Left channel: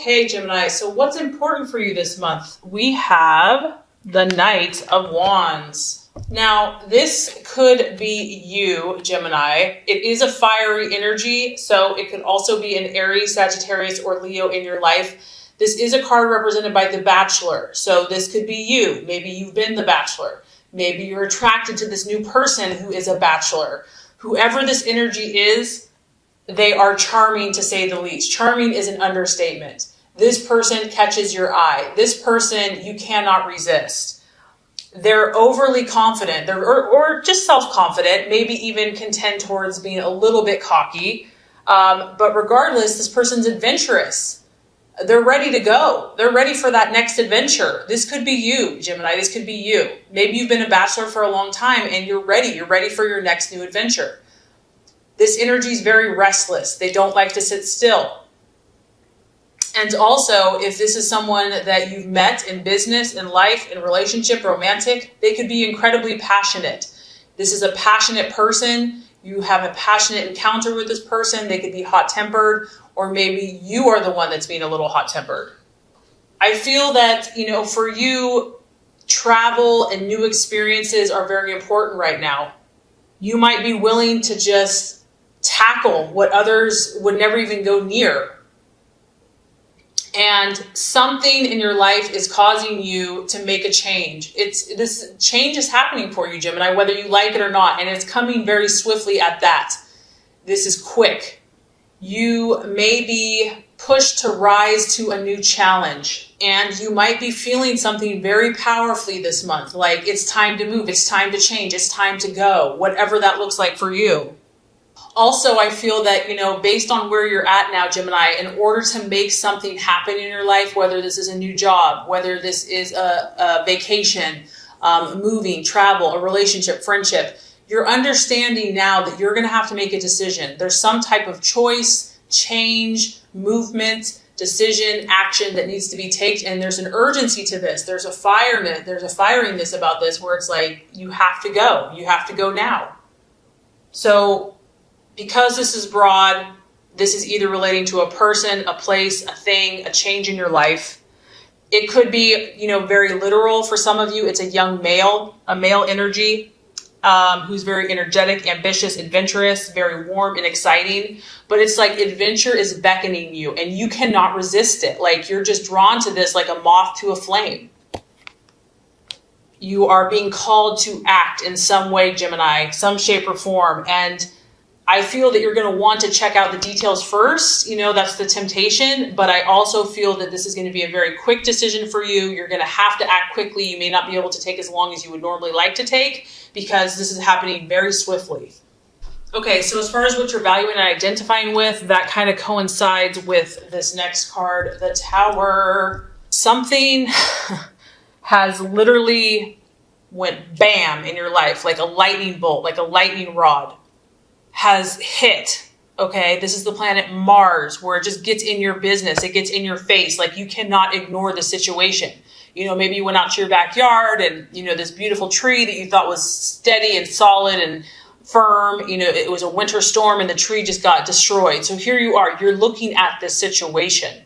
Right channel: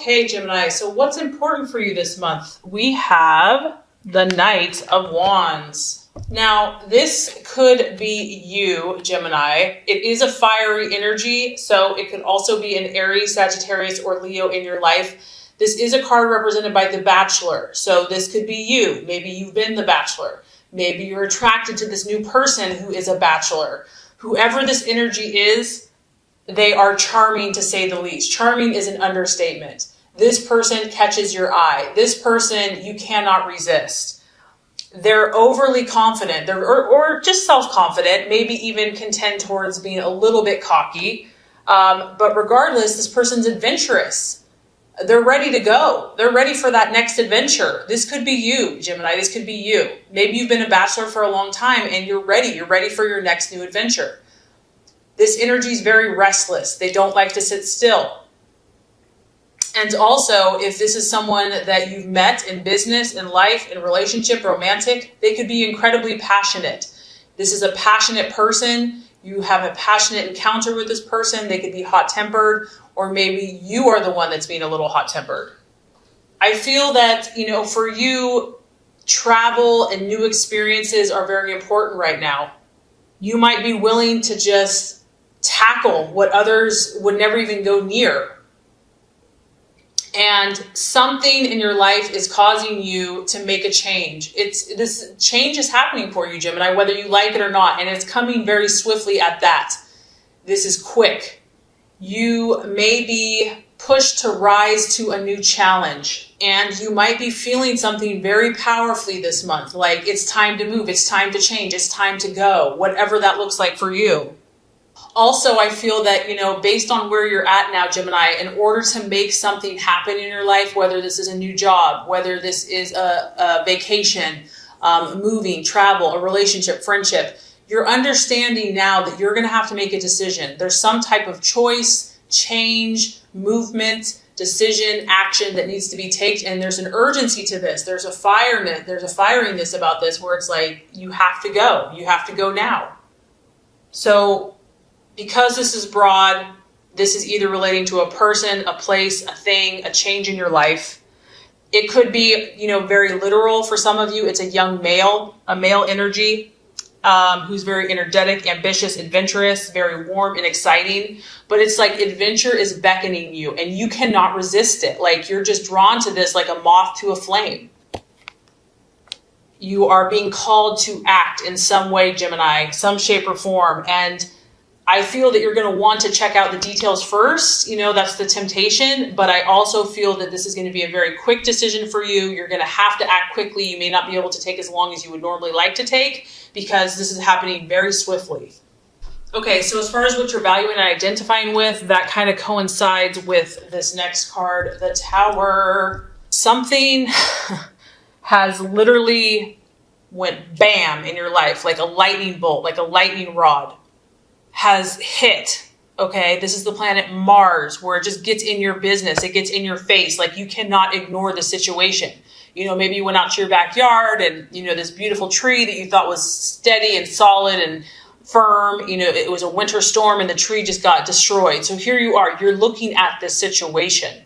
Okay, Gemini, so what's important for you this month? We have the Knight of Wands. Now, this could be you, Gemini. It is a fiery energy, so it could also be an Aries, Sagittarius, or Leo in your life. This is a card represented by the Bachelor, so this could be you. Maybe you've been the Bachelor. Maybe you're attracted to this new person who is a Bachelor. Whoever this energy is, they are charming, to say the least. Charming is an understatement. This person catches your eye. This person you cannot resist. They're overly confident, or just self-confident, maybe even can tend towards being a little bit cocky. But regardless, this person's adventurous. They're ready to go. They're ready for that next adventure. This could be you, Gemini. This could be you. Maybe you've been a Bachelor for a long time and you're ready. You're ready for your next new adventure. This energy is very restless. They don't like to sit still. And also, if this is someone that you've met in business, in life, in relationship, romantic, they could be incredibly passionate. This is a passionate person. You have a passionate encounter with this person. They could be hot-tempered, or maybe you are the one that's being a little hot-tempered. I feel that, for you, travel and new experiences are very important right now. You might be willing to just tackle what others would never even go near. And something in your life is causing you to make a change. This change is happening for you, Gemini, whether you like it or not, and it's coming very swiftly at that. This is quick. You may be pushed to rise to a new challenge, and you might be feeling something very powerfully this month, like it's time to move, it's time to change, it's time to go, whatever that looks like for you. Also, I feel that, based on where you're at now, Gemini, in order to make something happen in your life, whether this is a new job, whether this is a vacation, moving, travel, a relationship, friendship, you're understanding now that you're going to have to make a decision. There's some type of choice, change, movement, decision, action that needs to be taken. And there's an urgency to this. There's a firiness about this where it's like, you have to go. You have to go now. So, because this is broad, this is either relating to a person, a place, a thing, a change in your life. It could be, very literal for some of you. It's a young male, a male energy, who's very energetic, ambitious, adventurous, very warm and exciting. But it's like adventure is beckoning you and you cannot resist it. Like you're just drawn to this like a moth to a flame. You are being called to act in some way, Gemini, some shape or form. And I feel that you're going to want to check out the details first. That's the temptation. But I also feel that this is going to be a very quick decision for you. You're going to have to act quickly. You may not be able to take as long as you would normally like to take because this is happening very swiftly. Okay, so as far as what you're valuing and identifying with, that kind of coincides with this next card, the Tower. Something has literally went bam in your life, like a lightning bolt, like a lightning rod. Has hit, okay? This is the planet Mars, where it just gets in your business. It gets in your face. Like you cannot ignore the situation. Maybe you went out to your backyard and, this beautiful tree that you thought was steady and solid and firm, it was a winter storm and the tree just got destroyed. So here you are, you're looking at this situation.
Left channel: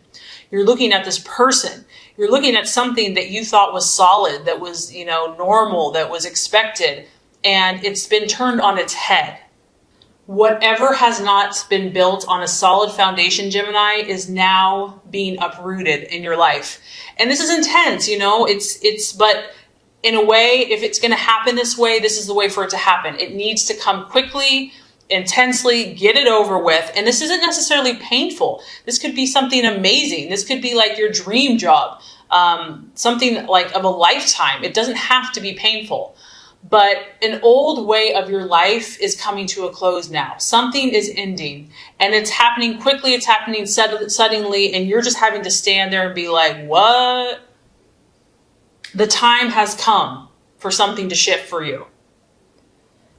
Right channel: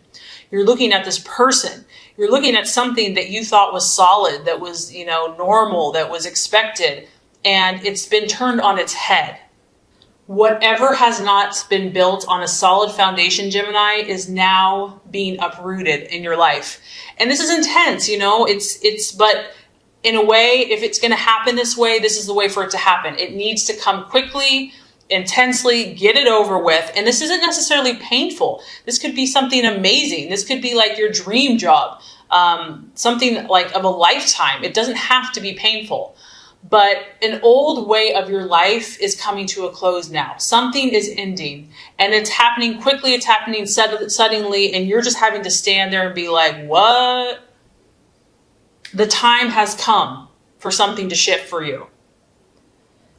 You're looking at this person. You're looking at something that you thought was solid, that was, normal, that was expected, and it's been turned on its head. Whatever has not been built on a solid foundation, Gemini, is now being uprooted in your life. And this is intense, but in a way, if it's going to happen this way, this is the way for it to happen. It needs to come quickly, intensely, get it over with. And this isn't necessarily painful. This could be something amazing. This could be like your dream job, something like of a lifetime. It doesn't have to be painful. But an old way of your life is coming to a close now. Something is ending and it's happening quickly. It's happening suddenly. And you're just having to stand there and be like, what? The time has come for something to shift for you.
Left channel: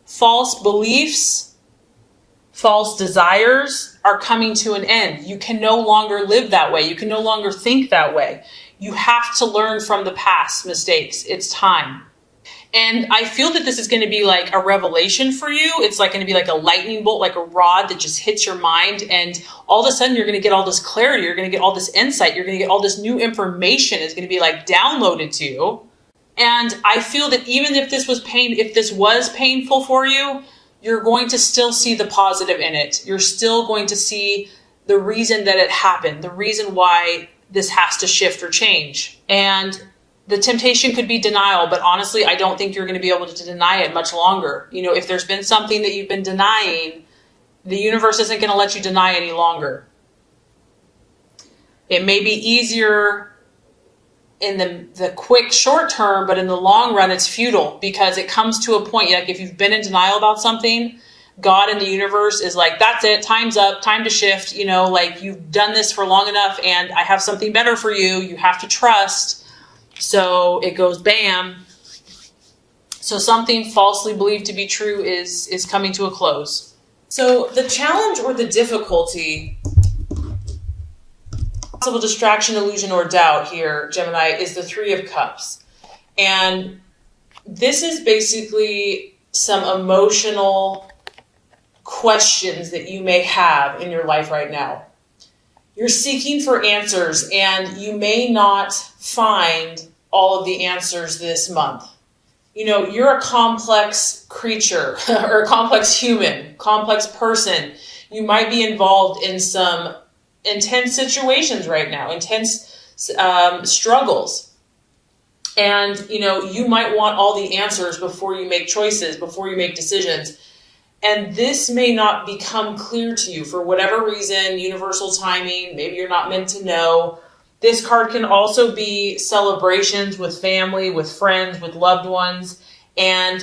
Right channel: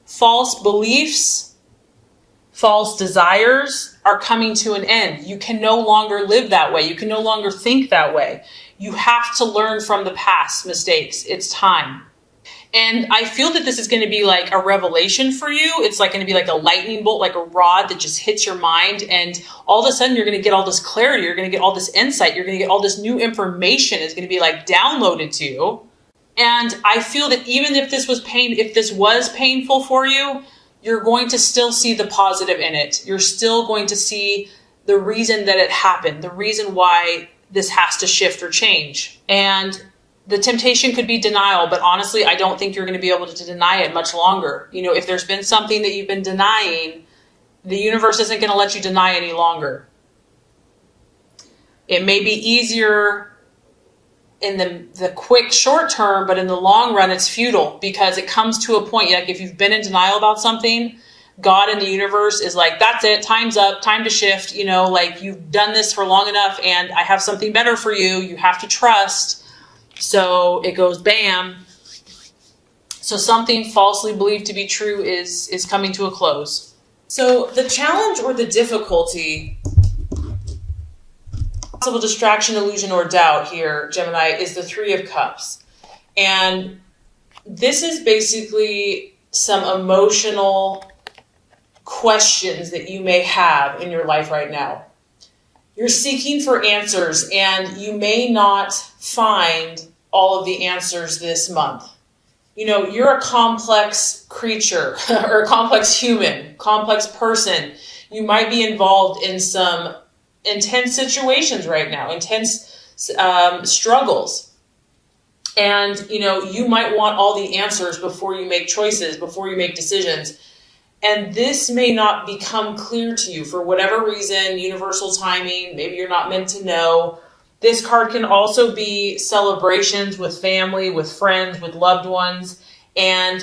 False beliefs, false desires are coming to an end. You can no longer live that way. You can no longer think that way. You have to learn from the past mistakes. It's time. And I feel that this is going to be like a revelation for you. It's like going to be like a lightning bolt, like a rod that just hits your mind. And all of a sudden you're going to get all this clarity. You're going to get all this insight. You're going to get all this new information is going to be like downloaded to you. And I feel that even if this was painful for you, you're going to still see the positive in it. You're still going to see the reason that it happened, the reason why this has to shift or change. And the temptation could be denial, but honestly, I don't think you're going to be able to deny it much longer. You know, if there's been something that you've been denying, the universe isn't going to let you deny any longer. It may be easier in the quick short term, but in the long run, it's futile because it comes to a point, like if you've been in denial about something, God and the universe is like, that's it, time's up, time to shift. You know, like you've done this for long enough and I have something better for you. You have to trust. So it goes bam. So something falsely believed to be true is coming to a close. So the challenge or the difficulty, possible distraction, illusion, or doubt here, Gemini, is the Three of Cups. And this is basically some emotional questions that you may have in your life right now. You're seeking for answers and you may not find all of the answers this month. You know, you're a complex creature or a complex human, complex person. You might be involved in some intense situations right now, intense struggles. And, you know, you might want all the answers before you make choices, before you make decisions. And this may not become clear to you for whatever reason, universal timing, maybe you're not meant to know. This card can also be celebrations with family, with friends, with loved ones, and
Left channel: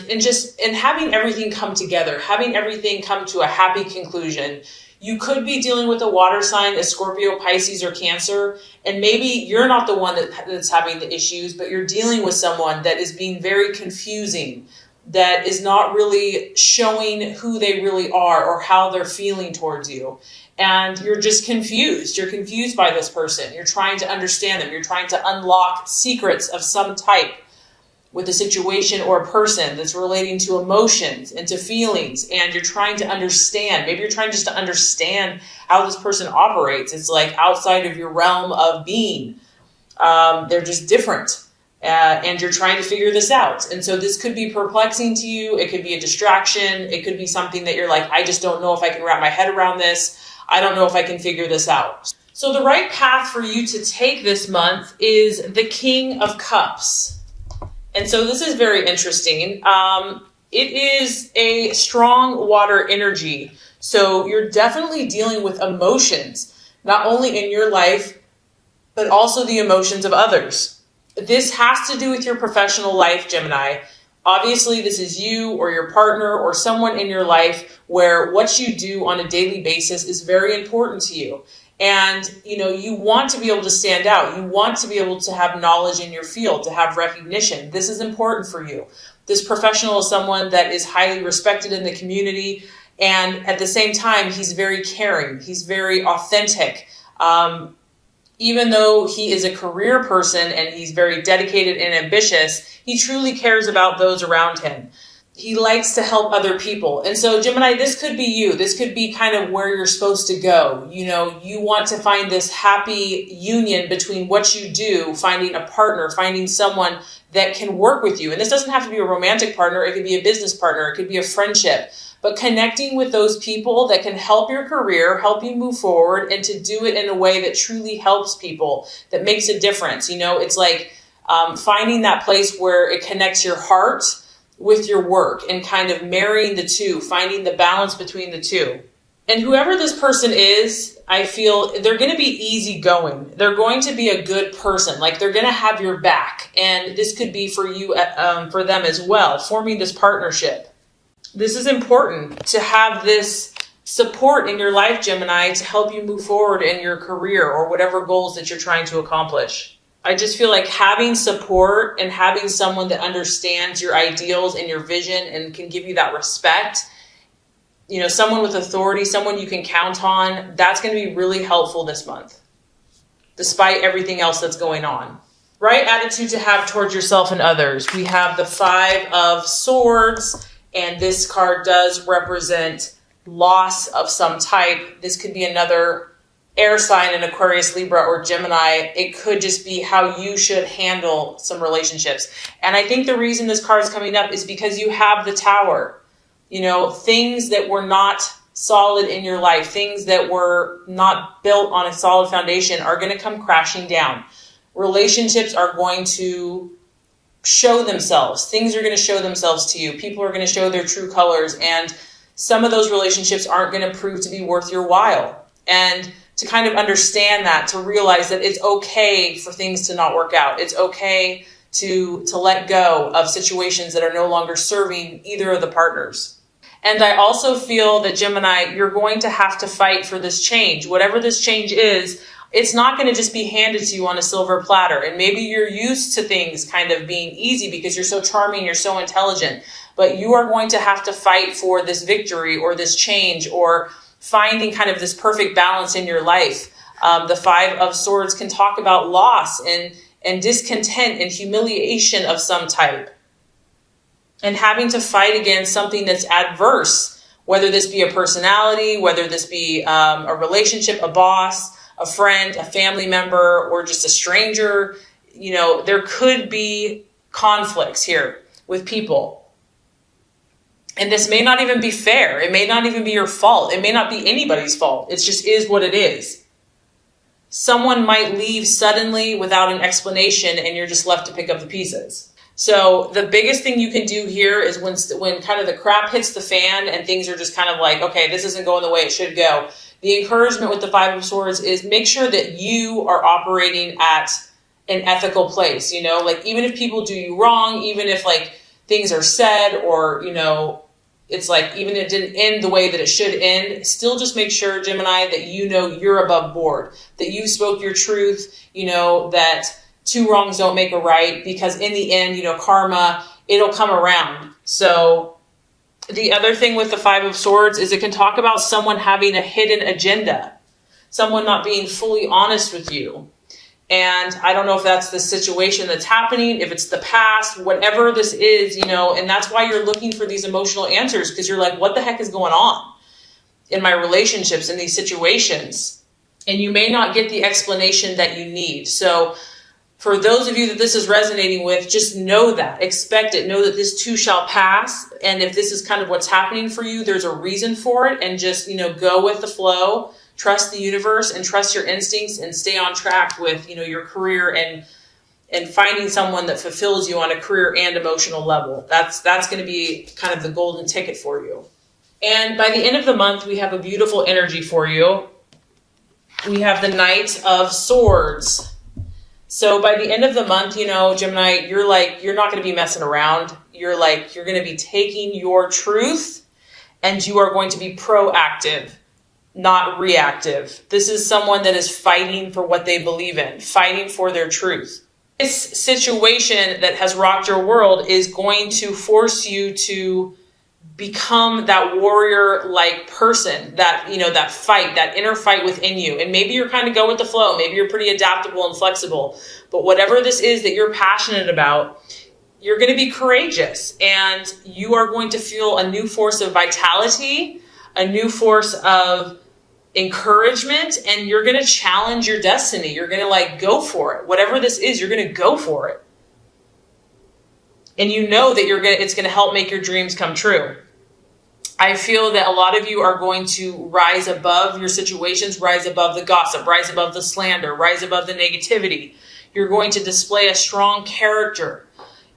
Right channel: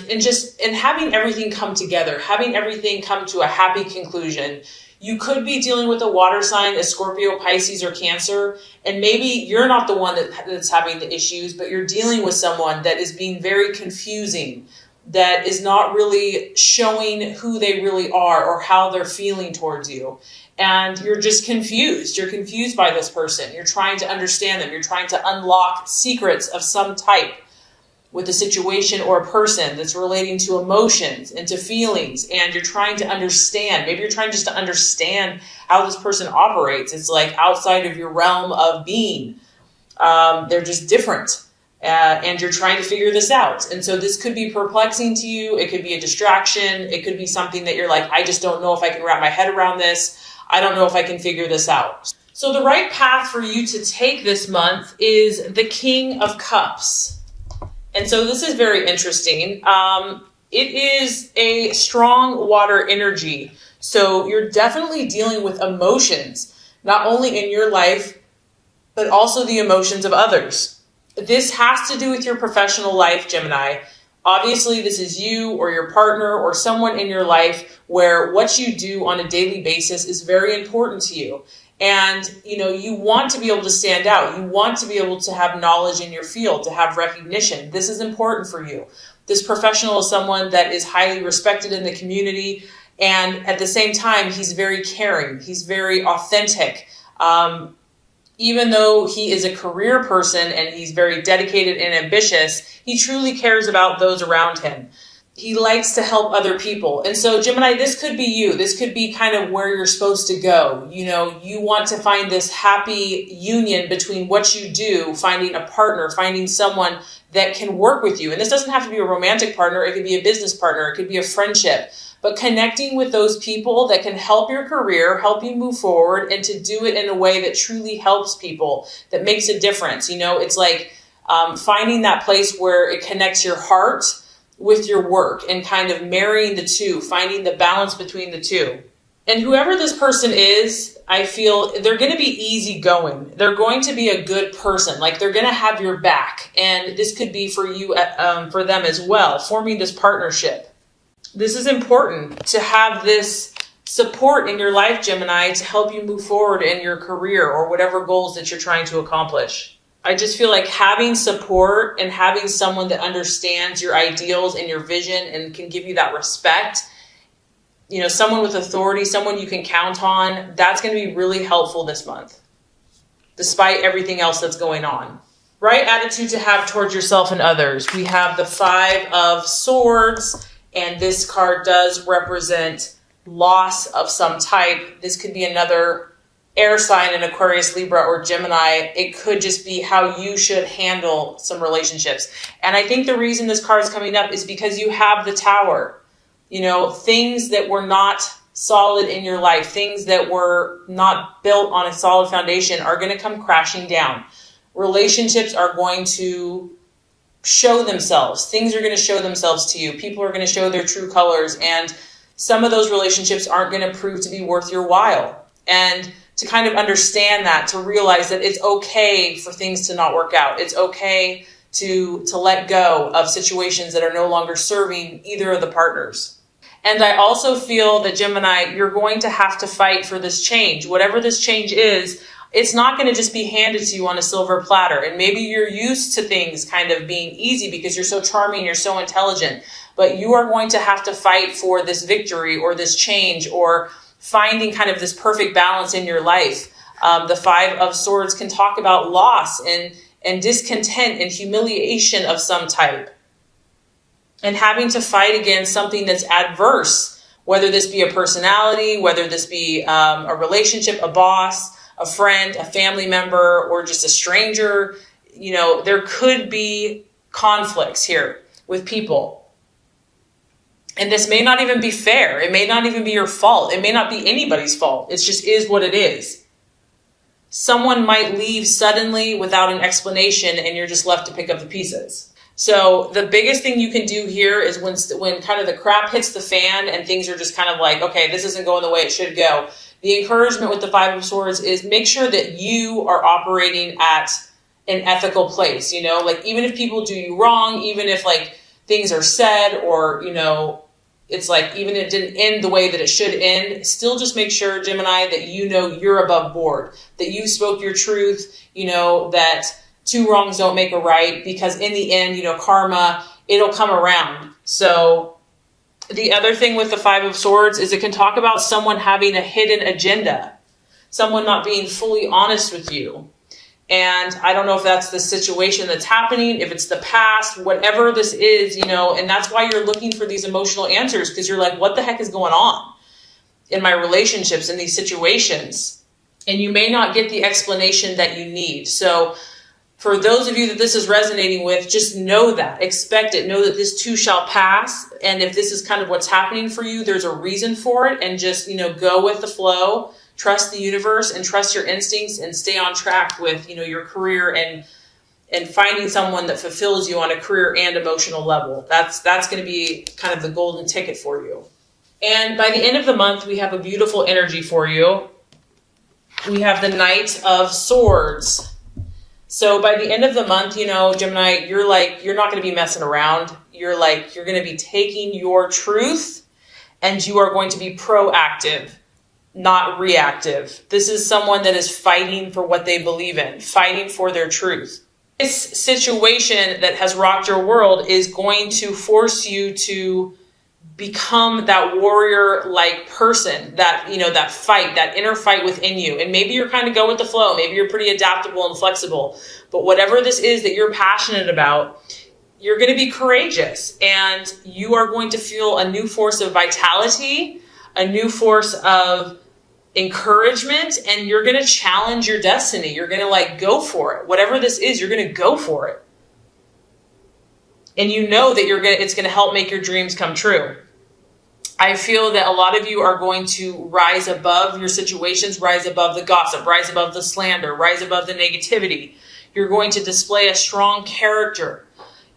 having everything come together, having everything come to a happy conclusion. You could be dealing with a water sign, a Scorpio, Pisces, or Cancer, and maybe you're not the one that's having the issues, but you're dealing with someone that is being very confusing, that is not really showing who they really are or how they're feeling towards you. And you're just confused. You're confused by this person. You're trying to understand them. You're trying to unlock secrets of some type with a situation or a person that's relating to emotions and to feelings. And you're trying to understand. Maybe you're trying just to understand how this person operates. It's like outside of your realm of being. They're just different. And you're trying to figure this out. And so this could be perplexing to you. It could be a distraction. It could be something that you're like, I just don't know if I can wrap my head around this. I don't know if I can figure this out. So the right path for you to take this month is the King of Cups. And so this is very interesting. It is a strong water energy. So you're definitely dealing with emotions, not only in your life, but also the emotions of others. This has to do with your professional life, Gemini. Obviously, this is you or your partner or someone in your life where what you do on a daily basis is very important to you. And, you know, you want to be able to stand out. You want to be able to have knowledge in your field, to have recognition. This is important for you. This professional is someone that is highly respected in the community. And at the same time, he's very caring. He's very authentic. Even though he is a career person and he's very dedicated and ambitious, he truly cares about those around him. He likes to help other people. And so, Gemini, this could be you. This could be kind of where you're supposed to go. You know, you want to find this happy union between what you do, finding a partner, finding someone that can work with you. And this doesn't have to be a romantic partner. It could be a business partner. It could be a friendship. But connecting with those people that can help your career, help you move forward, and to do it in a way that truly helps people, that makes a difference. You know, it's like finding that place where it connects your heart with your work and kind of marrying the two, finding the balance between the two. And whoever this person is, I feel they're going to be easygoing. They're going to be a good person. Like they're going to have your back. And this could be for you, for them as well, forming this partnership. This is important to have this support in your life, Gemini, to help you move forward in your career or whatever goals that you're trying to accomplish. I just feel like having support and having someone that understands your ideals and your vision and can give you that respect, you know, someone with authority, someone you can count on, that's going to be really helpful this month, despite everything else that's going on. right attitude to have towards yourself and others. We have the Five of Swords, and this card does represent loss of some type. This could be another air sign in Aquarius, Libra, or Gemini. It could just be how you should handle some relationships. And I think the reason this card is coming up is because you have the Tower. You know, things that were not solid in your life, things that were not built on a solid foundation are going to come crashing down. Relationships are going to show themselves. Things are going to show themselves to you. People are going to show their true colors. And some of those relationships aren't going to prove to be worth your while. And to kind of understand that, to realize that it's okay for things to not work out. It's okay to let go of situations that are no longer serving either of the partners. And I also feel that, Gemini, you're going to have to fight for this change. Whatever this change is, it's not going to just be handed to you on a silver platter. And maybe you're used to things kind of being easy because you're so charming, you're so intelligent. But you are going to have to fight for this victory or this change or finding kind of this perfect balance in your life. The Five of Swords can talk about loss and discontent and humiliation of some type. And having to fight against something that's adverse, whether this be a personality, whether this be a relationship, a boss, a friend, a family member, or just a stranger. You know, there could be conflicts here with people. And this may not even be fair. It may not even be your fault. It may not be anybody's fault. It just is what it is. Someone might leave suddenly without an explanation and you're just left to pick up the pieces. So the biggest thing you can do here is when kind of the crap hits the fan and things are just kind of like, okay, this isn't going the way it should go. The encouragement with the Five of Swords is make sure that you are operating at an ethical place. You know, like even if people do you wrong, even if like things are said or, you know, it's like even if it didn't end the way that it should end, still just make sure, Gemini, that you know you're above board, that you spoke your truth, you know, that two wrongs don't make a right, because in the end, you know, karma, it'll come around. So the other thing with the Five of Swords is it can talk about someone having a hidden agenda, someone not being fully honest with you. And I don't know if that's the situation that's happening, if it's the past, whatever this is, you know, and that's why you're looking for these emotional answers, because you're like, what the heck is going on in my relationships, in these situations? And you may not get the explanation that you need. So for those of you that this is resonating with, just know that, expect it, know that this too shall pass. And if this is kind of what's happening for you, there's a reason for it, and just, you know, go with the flow, trust the universe and trust your instincts and stay on track with, you know, your career and finding someone that fulfills you on a career and emotional level. That's going to be kind of the golden ticket for you. And by the end of the month, we have a beautiful energy for you. We have the Knight of Swords. So by the end of the month, you know, Gemini, you're not going to be messing around. You're going to be taking your truth and you are going to be proactive, not reactive. This is someone that is fighting for what they believe in, fighting for their truth. This situation that has rocked your world is going to force you to become that warrior-like person, that, you know, that fight, that inner fight within you. And maybe you're kind of go with the flow. Maybe you're pretty adaptable and flexible. But whatever this is that you're passionate about, you're going to be courageous. And you are going to feel a new force of vitality, a new force of encouragement, and you're going to challenge your destiny. You're going to go for it. Whatever this is, you're going to go for it. And you know that it's going to help make your dreams come true. I feel that a lot of you are going to rise above your situations, rise above the gossip, rise above the slander, rise above the negativity. You're going to display a strong character.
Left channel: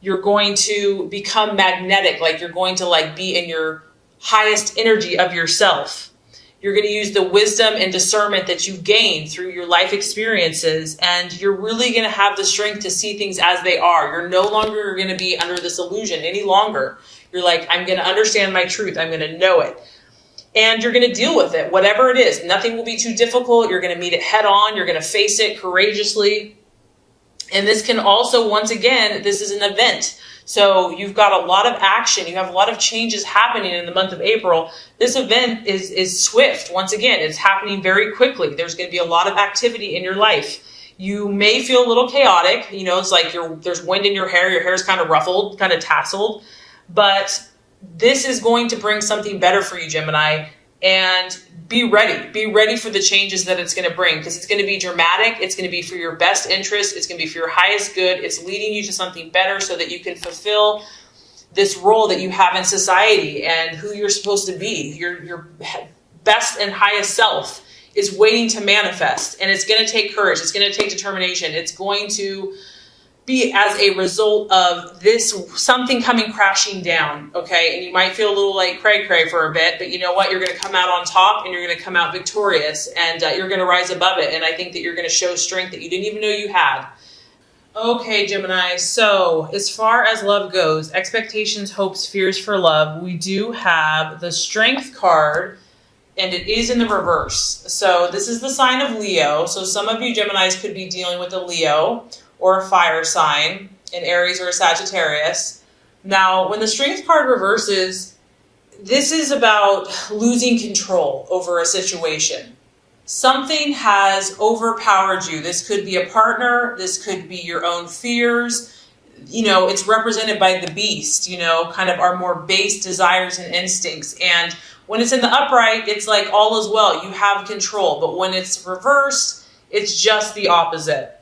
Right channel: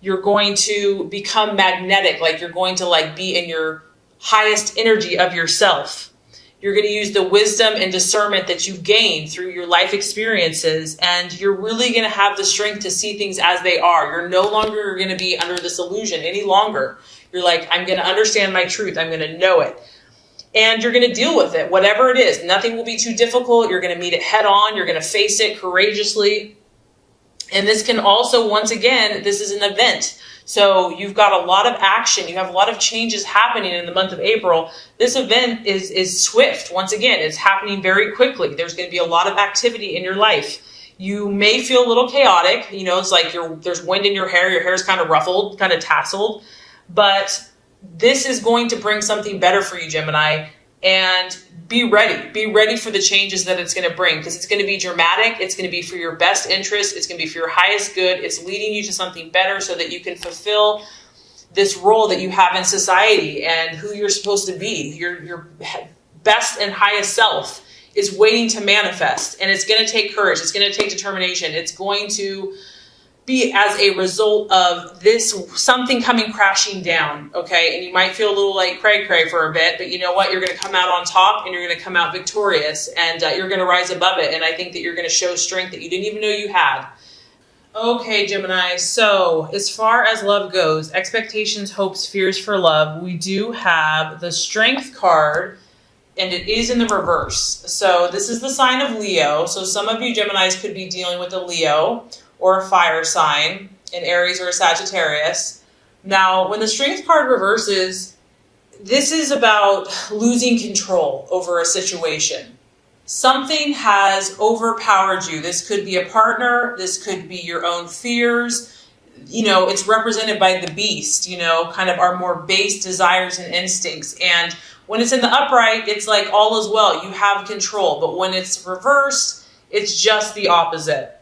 You're going to become magnetic, you're going to be in your highest energy of yourself. You're going to use the wisdom and discernment that you've gained through your life experiences, and you're really going to have the strength to see things as they are. You're no longer going to be under this illusion any longer. You're I'm going to understand my truth. I'm going to know it. And you're going to deal with it, whatever it is. Nothing will be too difficult. You're going to meet it head on. You're going to face it courageously. And this can also, once again, this is an event. So you've got a lot of action. You have a lot of changes happening in the month of April. This event is swift. Once again, it's happening very quickly. There's going to be a lot of activity in your life. You may feel a little chaotic. It's like there's wind in your hair's kind of ruffled, kind of tasseled, but this is going to bring something better for you, Gemini. And be ready for the changes that it's going to bring, because it's going to be dramatic. It's going to be for your best interest. It's going to be for your highest good. It's leading you to something better so that you can fulfill this role that you have in society and who you're supposed to be. Your best and highest self is waiting to manifest, and it's going to take courage. It's going to take determination. It's going to be as a result of this, something coming crashing down, okay? And you might feel a little like cray for a bit, but you know what? You're going to come out on top, and you're going to come out victorious, and you're going to rise above it. And I think that you're going to show strength that you didn't even know you had. Okay, Gemini, so as far as love goes, expectations, hopes, fears for love, we do have the Strength card, and it is in the reverse. So this is the sign of Leo. So some of you Geminis could be dealing with a Leo or a fire sign, an Aries or a Sagittarius. Now, when the Strength card reverses, this is about losing control over a situation. Something has overpowered you. This could be a partner. This could be your own fears. It's represented by the beast, kind of our more base desires and instincts. And when it's in the upright, it's like all is well. You have control. But when it's reversed, it's just the opposite.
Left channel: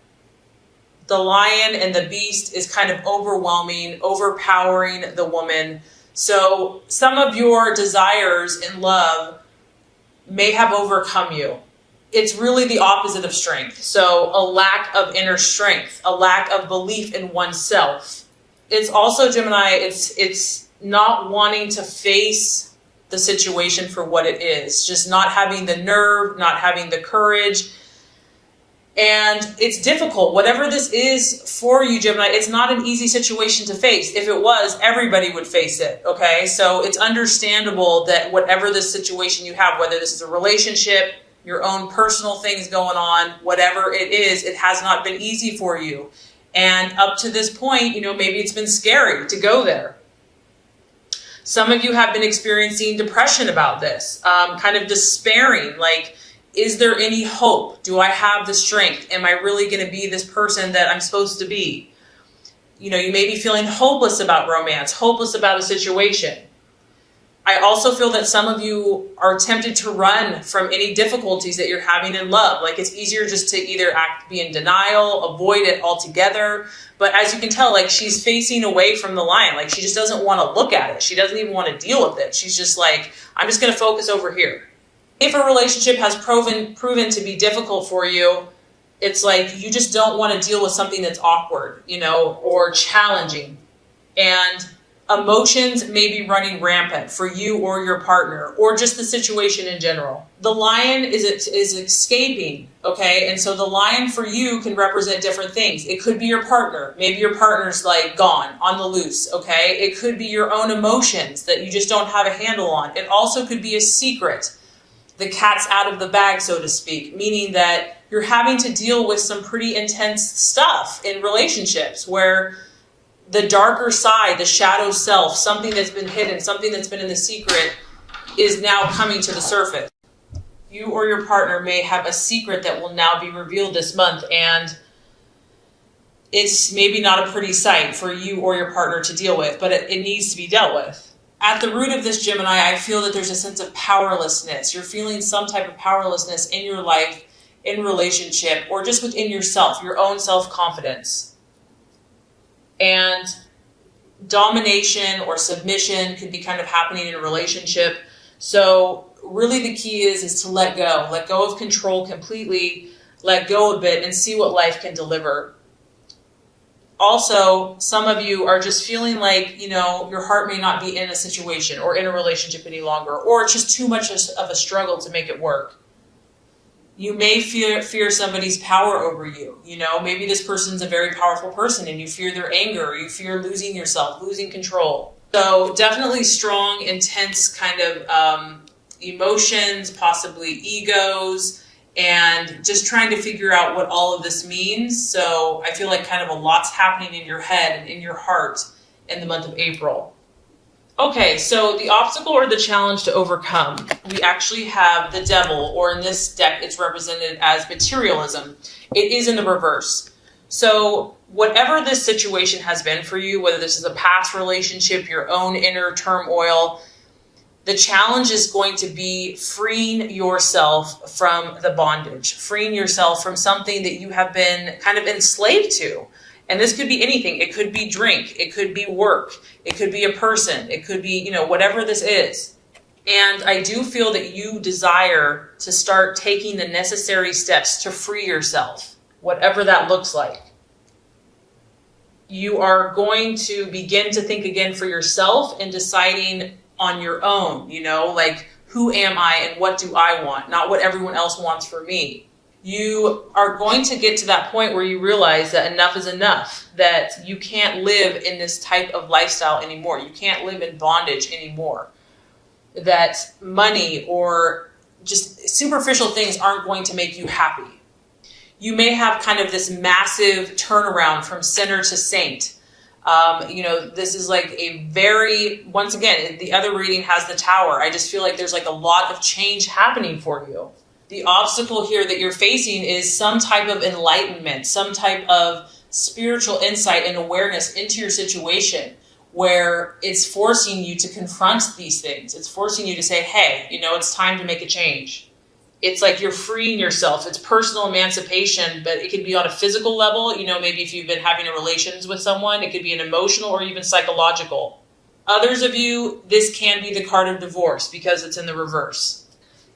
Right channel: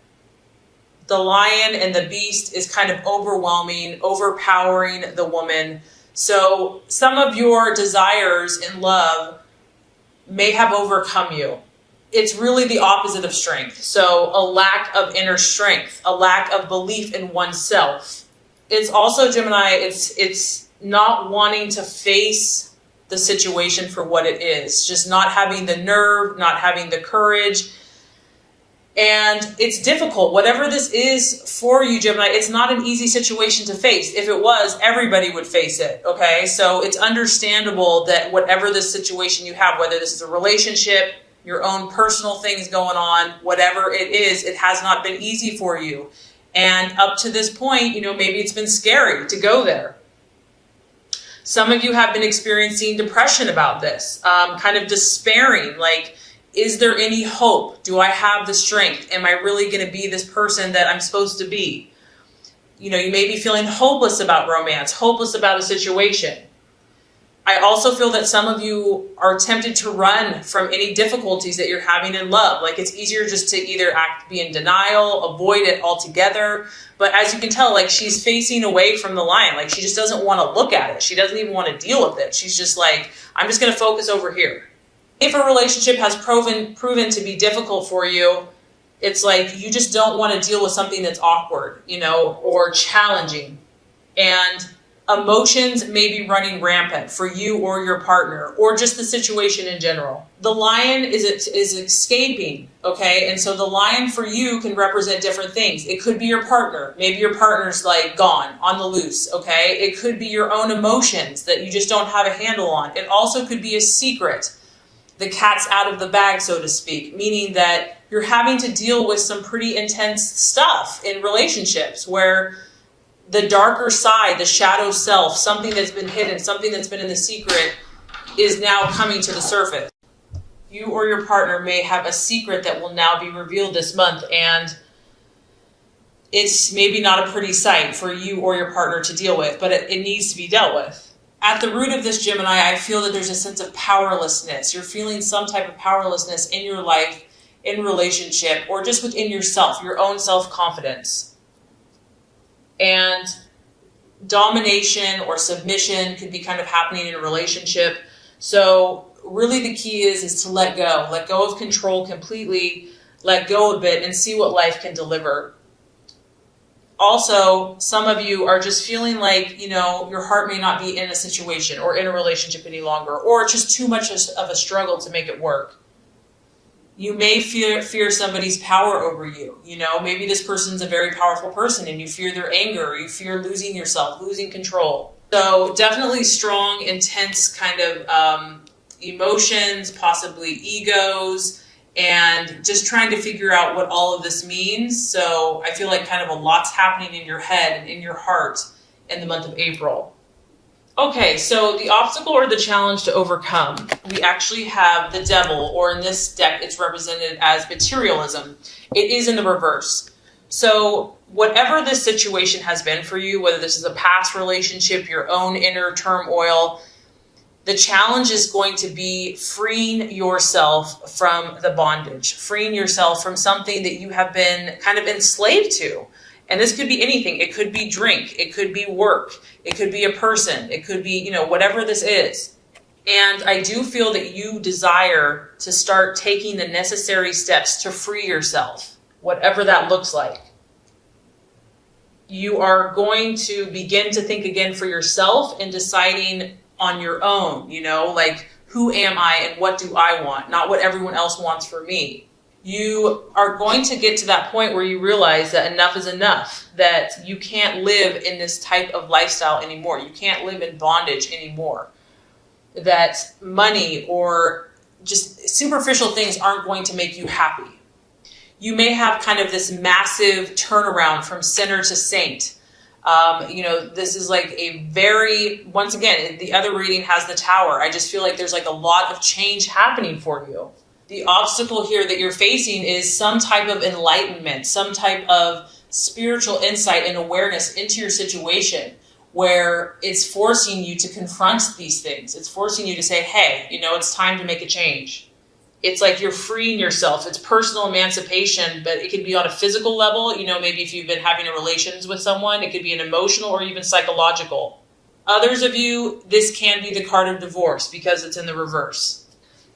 The lion and the beast is kind of overwhelming, overpowering the woman. So some of your desires in love may have overcome you. It's really the opposite of strength. So a lack of inner strength, a lack of belief in oneself. It's also, Gemini, it's not wanting to face the situation for what it is. Just not having the nerve, not having the courage. And it's difficult. Whatever this is for you, Gemini, it's not an easy situation to face. If it was, everybody would face it, okay? So it's understandable that whatever this situation you have, whether this is a relationship, your own personal things going on, whatever it is, it has not been easy for you. And up to this point, maybe it's been scary to go there. Some of you have been experiencing depression about this, kind of despairing, like, is there any hope? Do I have the strength? Am I really going to be this person that I'm supposed to be? You may be feeling hopeless about romance, hopeless about a situation. I also feel that some of you are tempted to run from any difficulties that you're having in love. Like, it's easier just to either be in denial, avoid it altogether. But as you can tell, like, she's facing away from the lion. Like, she just doesn't want to look at it. She doesn't even want to deal with it. She's just like, I'm just going to focus over here. If a relationship has proven to be difficult for you, it's like you just don't want to deal with something that's awkward, or challenging. And emotions may be running rampant for you or your partner, or just the situation in general. The lion is escaping, okay? And so the lion for you can represent different things. It could be your partner. Maybe your partner's like gone, on the loose, okay? It could be your own emotions that you just don't have a handle on. It also could be a secret. The cat's out of the bag, so to speak, meaning that you're having to deal with some pretty intense stuff in relationships where the darker side, the shadow self, something that's been hidden, something that's been in the secret is now coming to the surface. You or your partner may have a secret that will now be revealed this month, and it's maybe not a pretty sight for you or your partner to deal with, but it needs to be dealt with. At the root of this, Gemini, I feel that there's a sense of powerlessness. You're feeling some type of powerlessness in your life, in relationship, or just within yourself, your own self-confidence. And domination or submission can be kind of happening in a relationship. So really the key is to let go of control completely, let go of it, and see what life can deliver. Also, some of you are just feeling like, your heart may not be in a situation or in a relationship any longer, or it's just too much of a struggle to make it work. You may fear somebody's power over you. Maybe this person's a very powerful person and you fear their anger, you fear losing yourself, losing control. So definitely strong, intense kind of emotions, possibly egos, and just trying to figure out what all of this means. So I feel like kind of a lot's happening in your head and in your heart in the month of April. Okay, so the obstacle or the challenge to overcome, we actually have the devil, or in this deck, it's represented as materialism. It is in the reverse. So whatever this situation has been for you, whether this is a past relationship, your own inner turmoil, the challenge is going to be freeing yourself from the bondage, freeing yourself from something that you have been kind of enslaved to. And this could be anything. It could be drink. It could be work. It could be a person. It could be, whatever this is. And I do feel that you desire to start taking the necessary steps to free yourself, whatever that looks like. You are going to begin to think again for yourself and deciding on your own, like, who am I and what do I want? Not what everyone else wants for me. You are going to get to that point where you realize that enough is enough, that you can't live in this type of lifestyle anymore. You can't live in bondage anymore. That money or just superficial things aren't going to make you happy. You may have kind of this massive turnaround from sinner to saint. This is like a very, once again, the other reading has the Tower. I just feel like there's like a lot of change happening for you. The obstacle here that you're facing is some type of enlightenment, some type of spiritual insight and awareness into your situation where it's forcing you to confront these things. It's forcing you to say, hey, it's time to make a change. It's like you're freeing yourself. It's personal emancipation, but it could be on a physical level. Maybe if you've been having a relations with someone, it could be an emotional or even psychological. Others of you, this can be the card of divorce because it's in the reverse.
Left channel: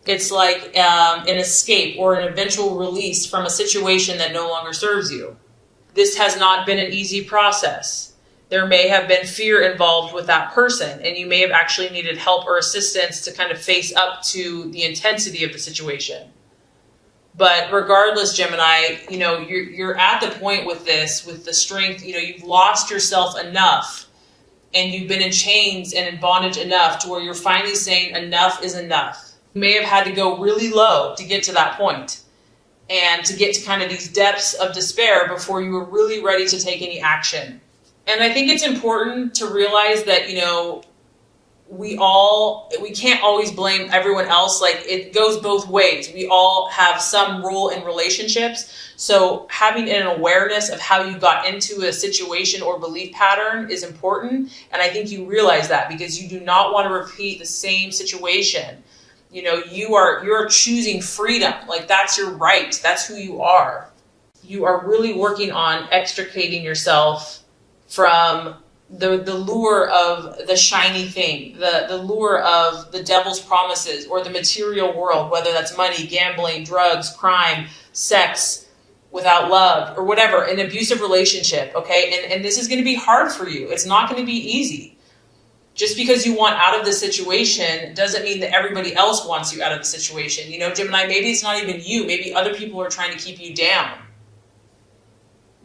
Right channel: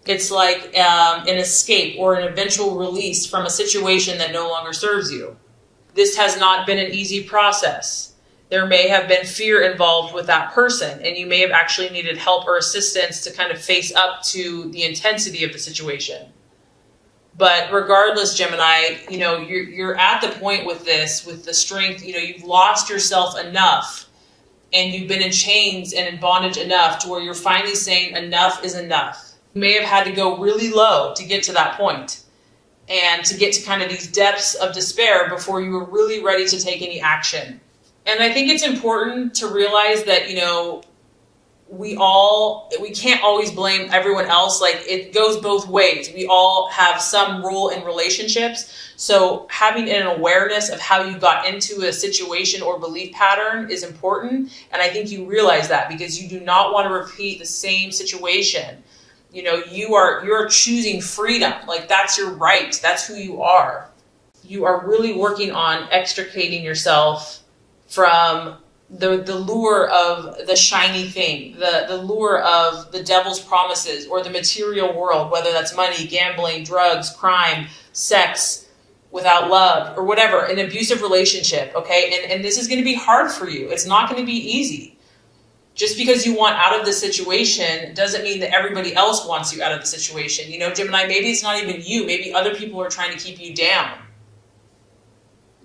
It's like an escape or an eventual release from a situation that no longer serves you. This has not been an easy process. There may have been fear involved with that person, and you may have actually needed help or assistance to kind of face up to the intensity of the situation. But regardless, Gemini, you're at the point with this, with the strength, you've lost yourself enough, and you've been in chains and in bondage enough to where you're finally saying enough is enough. You may have had to go really low to get to that point and to get to kind of these depths of despair before you were really ready to take any action. And I think it's important to realize that, we can't always blame everyone else. Like, it goes both ways. We all have some role in relationships. So having an awareness of how you got into a situation or belief pattern is important. And I think you realize that because you do not want to repeat the same situation. You're choosing freedom. Like, that's your right. That's who you are. You are really working on extricating yourself from the lure of the shiny thing, the lure of the devil's promises or the material world, whether that's money, gambling, drugs, crime, sex, without love, or whatever, an abusive relationship, okay? And this is going to be hard for you. It's not going to be easy. Just because you want out of the situation doesn't mean that everybody else wants you out of the situation. Gemini, maybe it's not even you. Maybe other people are trying to keep you down.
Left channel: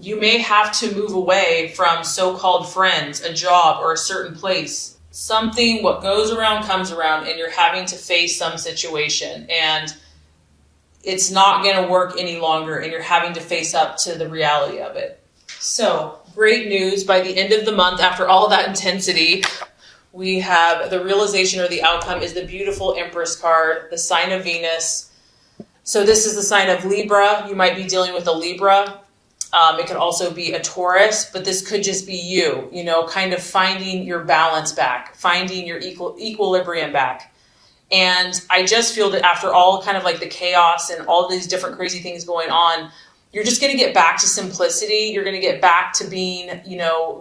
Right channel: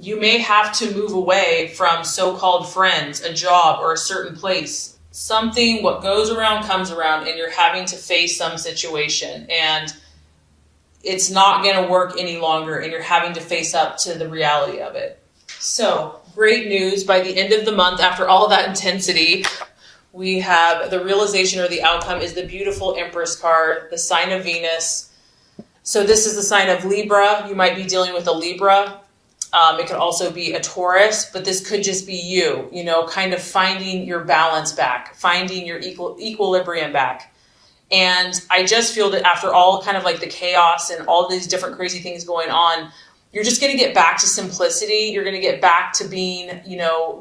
You may have to move away from so-called friends, a job, or a certain place. Something, what goes around comes around, and you're having to face some situation. And it's not going to work any longer, and you're having to face up to the reality of it. So, great news. By the end of the month, after all of that intensity, we have the realization or the outcome is the beautiful Empress card, the sign of Venus. So this is the sign of Libra. You might be dealing with a Libra. It could also be a Taurus, but this could just be you, kind of finding your balance back, finding your equilibrium back. And I just feel that after all kind of like the chaos and all these different crazy things going on, you're just going to get back to simplicity. You're going to get back to being,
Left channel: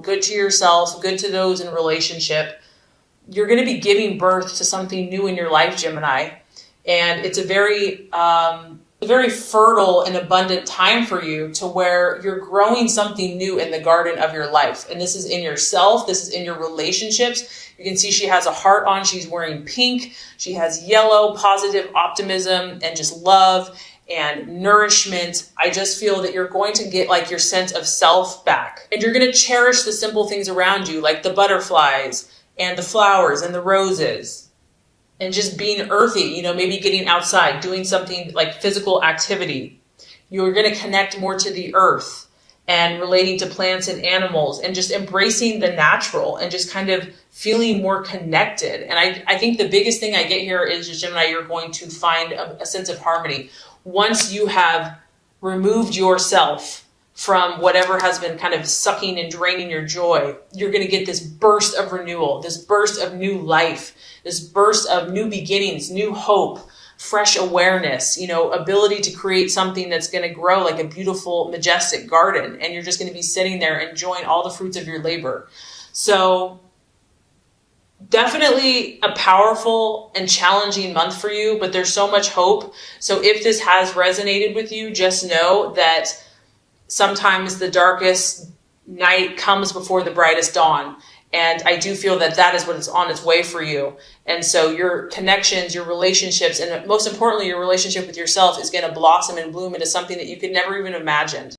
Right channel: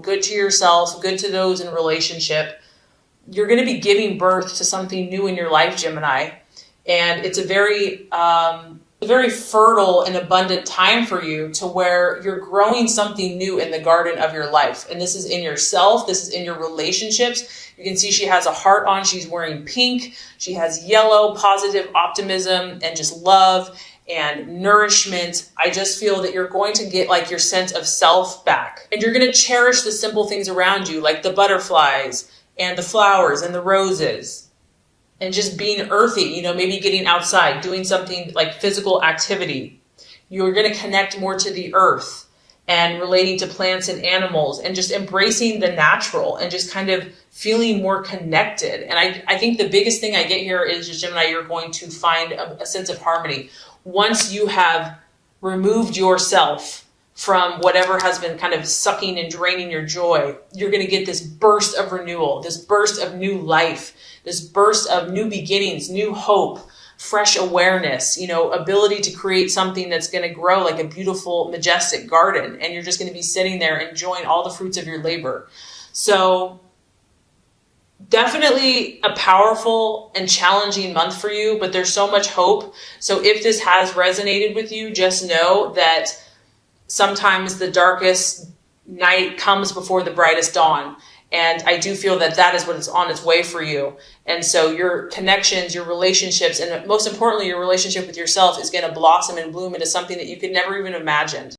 good to yourself, good to those in relationship. You're going to be giving birth to something new in your life, Gemini. And it's a very fertile and abundant time for you to where you're growing something new in the garden of your life. And this is in yourself. This is in your relationships. You can see she has a heart on. She's wearing pink. She has yellow, positive optimism and just love and nourishment. I just feel that you're going to get like your sense of self back. And you're going to cherish the simple things around you, like the butterflies and the flowers and the roses, and just being earthy, maybe getting outside, doing something like physical activity. You're going to connect more to the earth and relating to plants and animals and just embracing the natural and just kind of feeling more connected. And I think the biggest thing I get here is, Gemini, you're going to find a sense of harmony. Once you have removed yourself from whatever has been kind of sucking and draining your joy, you're going to get this burst of renewal, this burst of new life, this burst of new beginnings, new hope, fresh awareness, ability to create something that's going to grow like a beautiful, majestic garden. And you're just going to be sitting there enjoying all the fruits of your labor. So definitely a powerful and challenging month for you, but there's so much hope. So if this has resonated with you, just know that sometimes the darkest night comes before the brightest dawn. And I do feel that that is what is on its way for you. And so your connections, your relationships, and most importantly, your relationship with yourself is going to blossom and bloom into something that you could never even imagine.